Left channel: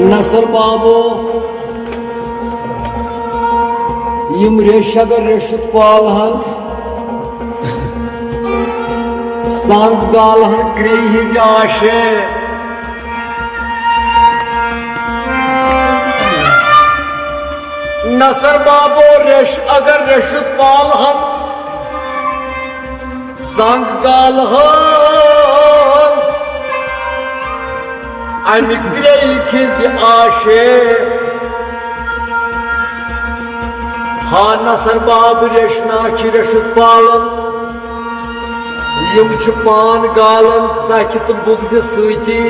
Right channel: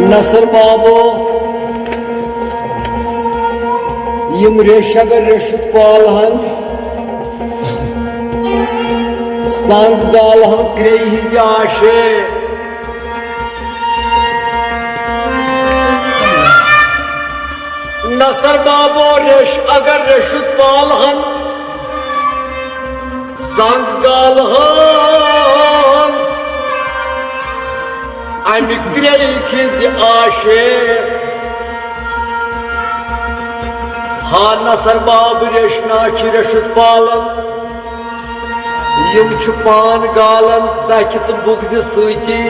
नसर बाबो यम रेश अगर रेशुत पालहन संग गालहन क्रे हिज आशे नसर बाबो रेश अगर रेशुत पालहन संग गालहन अमि क्रे हिज आशे हा नसर बाब रेशना रेशुत पालन यम पान गालन चख तो बुगज सती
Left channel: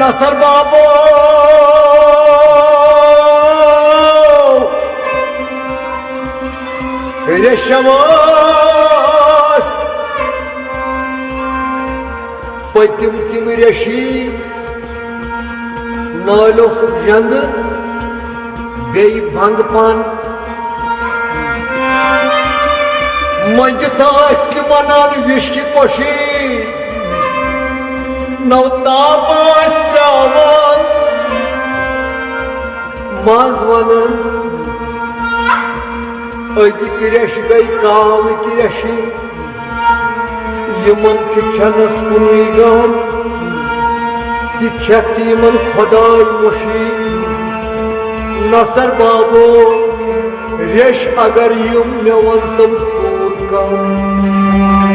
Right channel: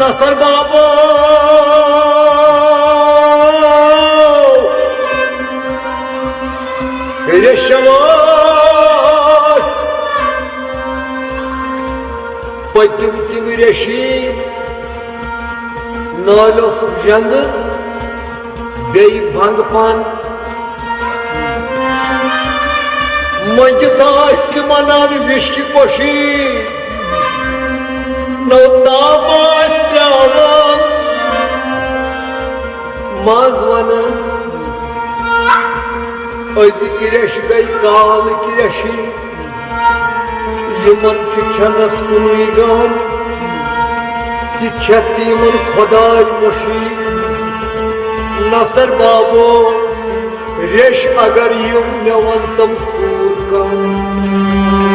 नसर बाबो रेशवास पतिम तिम रेशी नालो सुजंद बे भंग पान मंगतास मनान विश्व कोशी नौताबास प्रावन मज वन अजिक रेश गई काल की रेशी यमन खेनस कुन गम तिमन खुदाई मुशी नसर बाबो रेश अगर यम मे वन तम चूर कम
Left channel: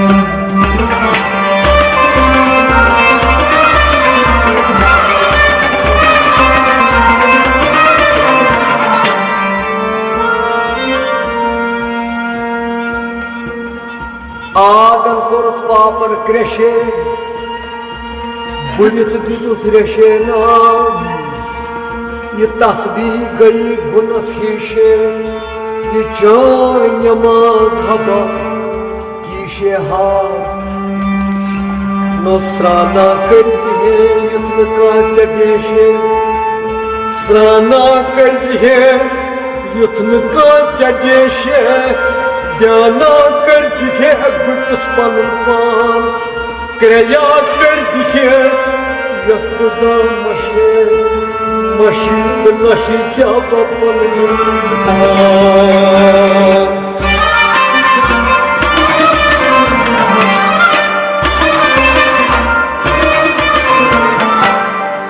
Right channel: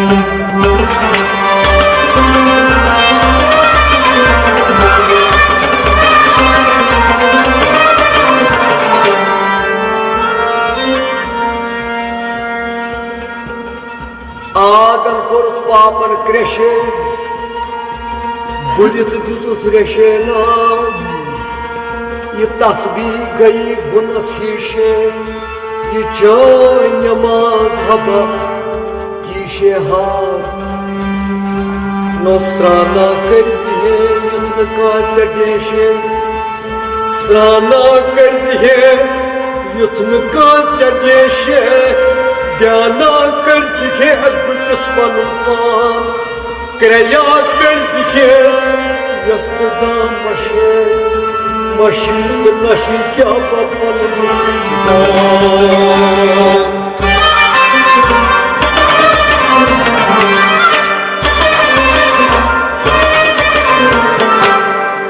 आगन कोरत पापन क्रेशे बुलित दितुत रेशे ना ये तस्बीह गई गुनस शीशे ये जान नमाज हबा कीशे हार नौसराना कर्ज है युद्ध का चटेशे सराना कर्ज है युद्ध का चटेशे ध्याना कर्ज है गुत पन क्रिया कर्ज है यस्त जान मशे मशीत नशी क्या पपन